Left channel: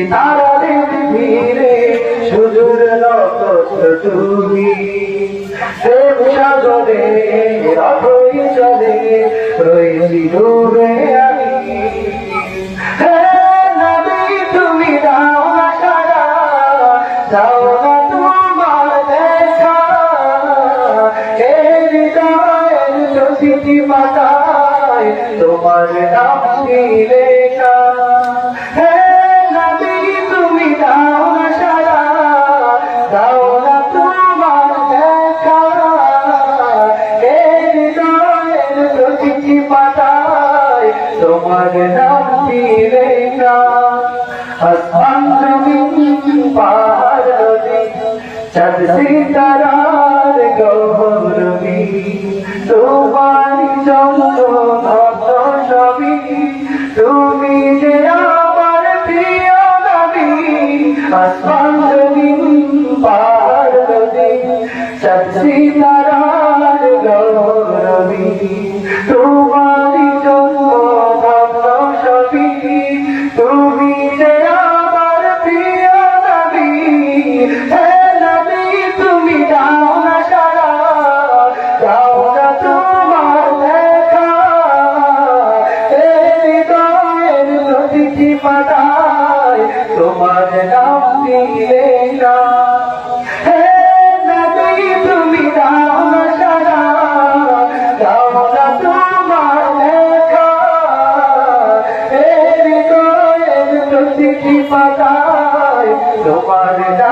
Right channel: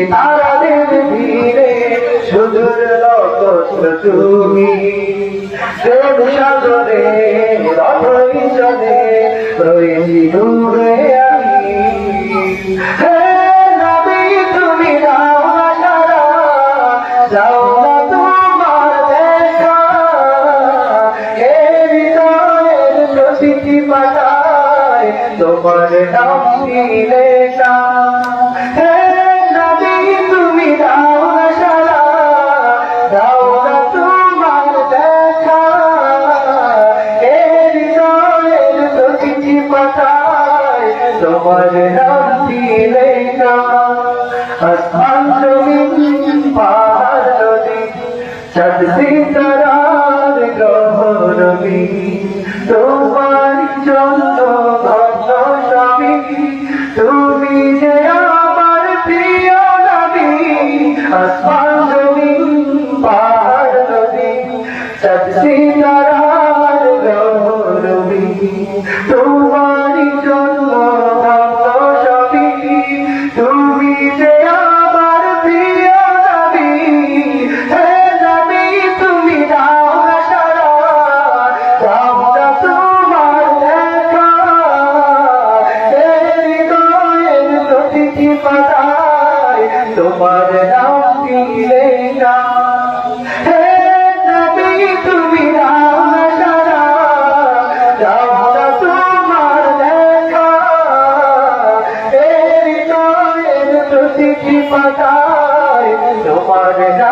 সিতারাদের ধীরে সুদূর নক্ষত্র তুমি প্রেম সাগরে রথই চলে রয়েছি ডুবে তুমি দাও না তোমার দেখা। তোমার নাম লেখা পাতায় তোমার নাম লেখা। আসমান জমিন পাহাড় তোমার নবী তুমি আমার প্রিয় নবী আসমান জমিন পাহাড় নদী, চাঁদ সিতারার তোমার তোমার নাম দিলে না হে নবী তুমি নাম সারা যাও না তোমার দেখা এর তো এর তো কি পাতায় তোমার নাম